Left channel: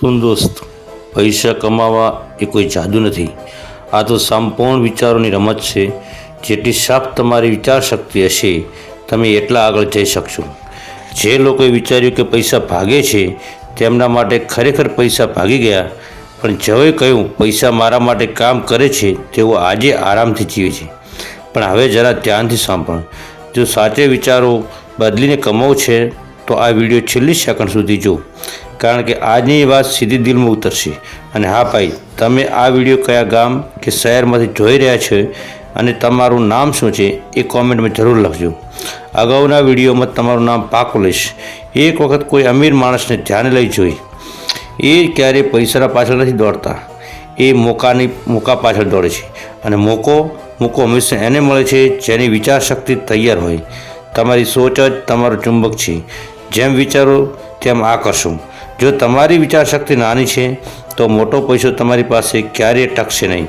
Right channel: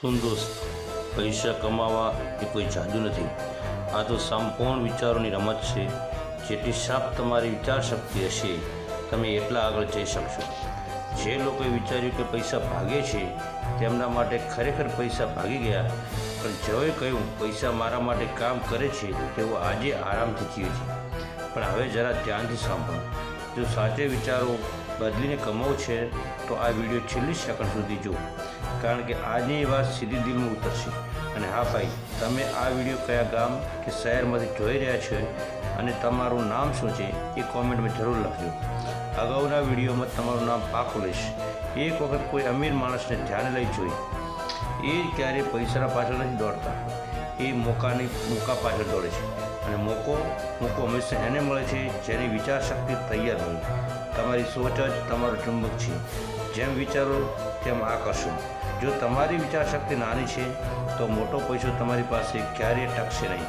શું દોસ્ત, પૈસા કમાવા એ કોઈ જાદુ નથી. આ તો સંપૂર્ણ વિચારોની રમત છે. જેટલી સાફ તમારી વિચાર શક્તિ હશે, તમે એટલા આગળ જઈ શકશો. જે લોકોએ વિચાર્યું કે પૈસા ભાગે છે, તેમના માટે ખરેખર પૈસા ભાગી ગયા, પણ જવે કહ્યું પૈસા મારા માટે કામ કરે છે, તેઓ આજે આરામથી જીવે છે. પણ હવે જરા ધ્યાનથી સાંભળ. જો સાચે વિચારો બદલીને કમાવું છે, તો આ વીડિયો છેલ્લી સેકન્ડ સુધી જો કારણ કે આજની વાત સીધી દિલમાં ઉતરશે. અને હા ભાઈ, તમે આ વીડિયો કયા ગામ કે શહેરમાંથી જોઈ રહ્યા છો અને તમારું નામ શું છે એ કોમેન્ટમાં જરૂર લખજો. અગાઉના વિડીયોમાં તમારું નામ પાકું લઈશ. એક વખત કોઈ અમીર માણસને ધ્યાને લઈ જોઈ. એ ક્યારેય પૈસાના પાછળ નથી દોડતા. એ મોકાની, મોકા પાછળ દોડે છે. અને મોકો મોકો હંમેશા એને મળે છે જેની વિચાર શક્તિ તૈયાર હોય. તમારી સોચ જ તમારું ચુંબક છે. જેમ વિચારો, તેમ આકર્ષો. જો તમારી વિચાર શક્તિ નાની છે, તો મોટો પૈસો તમારી પાસે ક્યારેય ટકશે નહીં.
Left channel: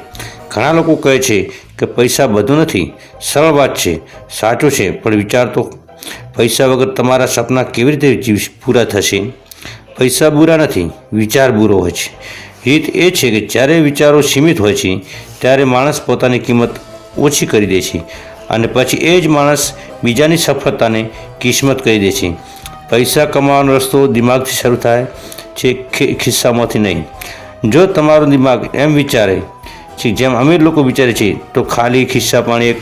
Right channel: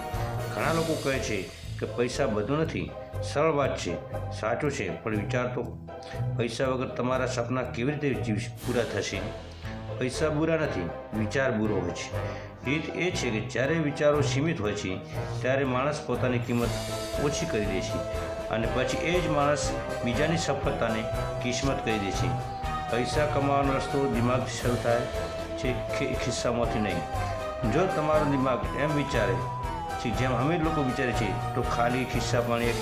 ઘણા લોકો કહે છે કે પૈસા બધું નથી. સરળ વાત છે, સાચું છે, પણ વિચાર તો પૈસા વગર તમારા સપના કેવી રીતે પૂરા થશે? પૈસા બુરા નથી, વિચાર બુરો હોય છે. રીત એ છે કે જ્યારે વિચારો સીમિત હોય છે, ત્યારે માણસ પોતાની કિંમત ઓછી કરી દે છે અને પછી એ જ માણસ બીજાની સફળતાને કિસ્મત કહી દે છે. પૈસા કમાવાનો રસ્તો દિમાગથી શરૂ થાય છે ખિસ્સામાંથી નહીં. જો તમારું દિમાગ એમ વિચારે છે, જેમ અમીર લોકો વિચારે છે તો ખાલી ખિસ્સા પણ એક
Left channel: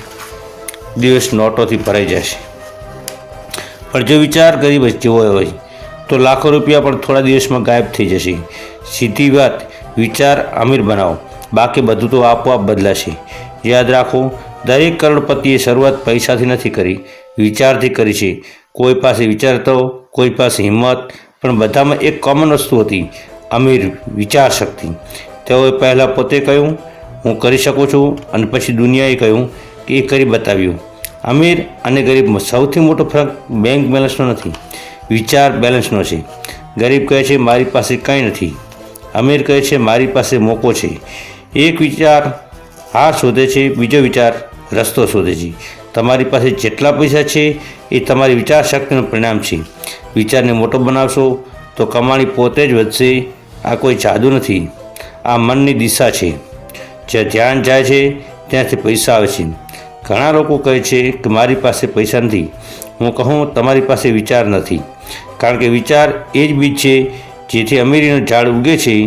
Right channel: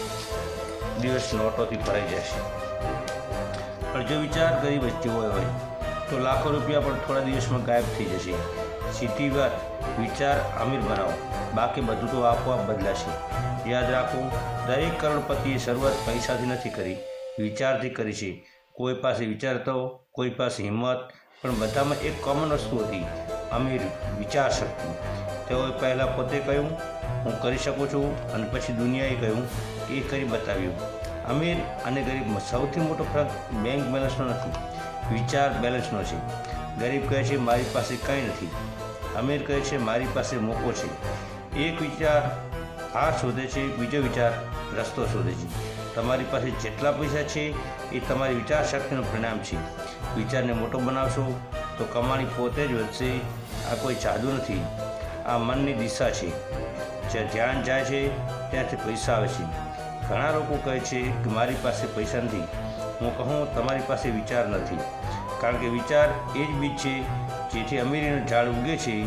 દિવસ નોટોથી ભરાઈ જશે. પણ જો વિચાર ગરીબ જેવો હોય, તો લાખો રૂપિયા પણ થોડા દિવસમાં ગાયબ થઈ જશે. સીધી વાત, વિચાર અમીર બનાવો. બાકી બધું તો આપોઆપ બદલાશે. યાદ રાખો, દરેક કરોડપતિએ શરૂઆત પૈસાથી નથી કરી, વિચારથી કરી છે. કોઈ પાસે વિચાર હતો, કોઈ પાસે હિંમત, પણ બધામાં એક કોમન વસ્તુ હતી, અમીર વિચાર શક્તિ. તેઓએ પહેલાં પોતે કહ્યું, હું કરી શકું છું, અને પછી દુનિયાએ કહ્યું કે, એ કરી બતાવ્યું. અમીર અને ગરીબમાં સૌથી મોટો ફરક બેંક બેલેન્સનો નથી, વિચાર બેલેન્સનો છે. ગરીબ કહે છે, મારી પાસે કંઈ નથી. અમીર કહે છે, મારી પાસે મોકો છે. એક વિચાર હાર શોધે છે, બીજો વિચાર રસ્તો શોધે છે. તમારી પાસે જેટલા પૈસા છે એ તમારી વિચાર શક્તિનું પરિણામ છે. વિચારને મોટો બનાવશો તો કમાણી પોતે જ વધશે. આ કોઈ જાદુ નથી. આ મનની દિશા છે. જ્યાં ધ્યાન જાય છે, ત્યાંથી પૈસા આવે છે. ઘણા લોકો કહે છે કે મારી પાસે પૈસા નથી. હું કહું, તમારી પાસે વિચાર નથી. કારણ કે વિચાર એ જ બીજ છે, જેથી અમીરીનું ઝાડ ઉગે છે.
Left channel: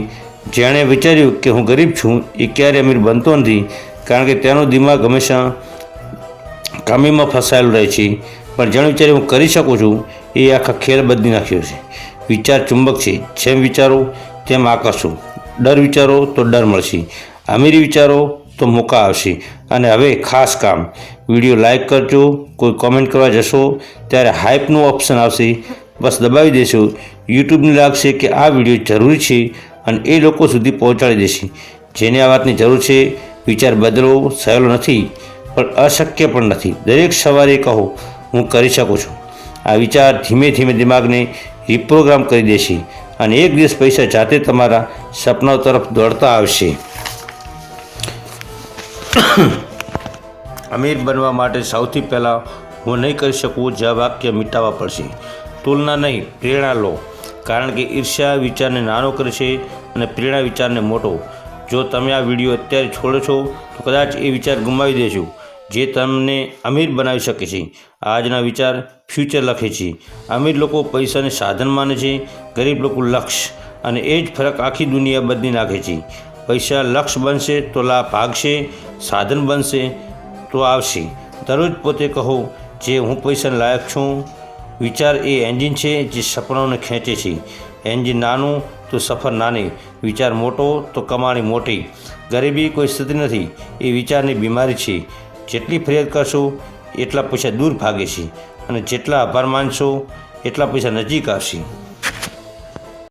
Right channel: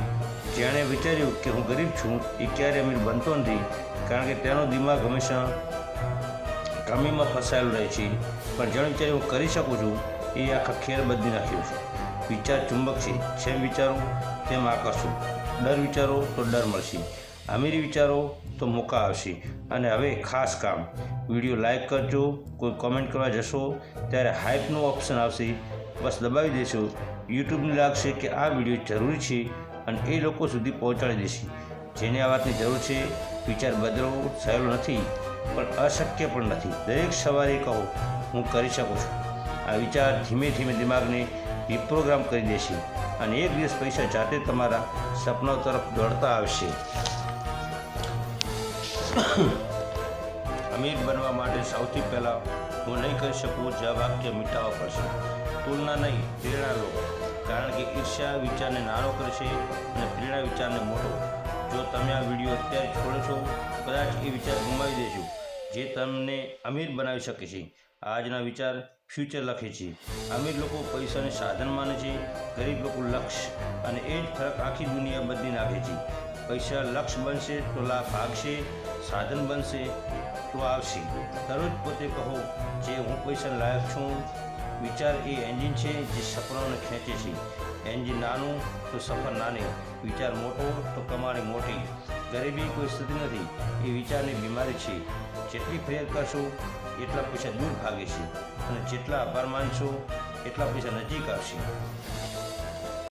જેણે વિચાર્યું કે હું ગરીબ છું, એ ક્યારે અમીર બનતો નથી. કારણ કે તેનો દિમાગ હંમેશા કામીમાં ફસાયેલું રહે છે. પણ જેણે વિચારે હું કરી શકું છું, એ આખા ખેલ બદલી નાખ્યો છે. વિચાર ચુંબક છે. જેમ વિચારો, તેમ આકર્ષો. ડર વિચારો તો ડર મળશે. અમીરી વિચારો તો મોકા આવશે. અને હવે ખાસ કામ. વીડિયો લાઇક કરજો. કોઈ કોમેન્ટ કરવા જશો, ત્યારે હાઇપનું ઓપ્શન આવશે. બસ દબાવી દેશો. યુટ્યુબને લાગશે કે આ વીડિયો જરૂરી છે અને એ લોકો સુધી પહોંચાડી દેશે. જેને આ વાતની જરૂર છે, વિચાર બદલવો સહેલો નથી. પણ અશક્ય પણ નથી. દરેક સવારે કહો, હું કરી શકું છું. આ વિચાર ધીમે ધીમે દિમાગને રિપ્રોગ્રામ કરી દેશે અને એક દિવસ પૈસા જાતે તમારા સપનાઓ તરફ દોડતા આવશે. અમીર બનવા માટે સૌથી પહેલાં હું નહીં કરી શકું જે વાક્ય મિટાવવા પડશે. તુલના નહીં, પ્રેરણા લો. કારણ કે ઈર્ષ્યા વિચારને નાનો કરે છે અને પ્રેરણા વિચારને મોટો. જો તમે આ વીડિયો અત્યારે છોડો છો, તો કદાચ એ વિચાર ગુમાવી દેશો જે તમને અમીર બનાવી શકે છે. આજના વિચાર ફ્યુચર લખે છે. અમીર લોકો પૈસાને સાધન માને છે, ગરીબ લોકો લક્ષ્ય અને એ જ ફરક આખી દુનિયા બદલી નાખે છે. પૈસા લક્ષ્ય બનશે તો લાભ ભાગશે, સાધન બનશે તો આવશે. દરરોજ પોતે કહો, જે હું પૈસા લાયક છું. વિચાર એ એન્જિન છે જે સપનાઓને ખેંચે છે. એન્જિન નાનું તો સફર નાની, વિચાર મોટો તો કમાણી મોટી. ગરીબી કોઈ સ્થિતિ નથી, એ વિચારની બીમારી છે. જેટલી ફરિયાદ કરશો, એટલા પૈસા દૂર ભાગે છે અને જેટલા આભાર માનશો, એટલા પૈસા નજીક આવશે.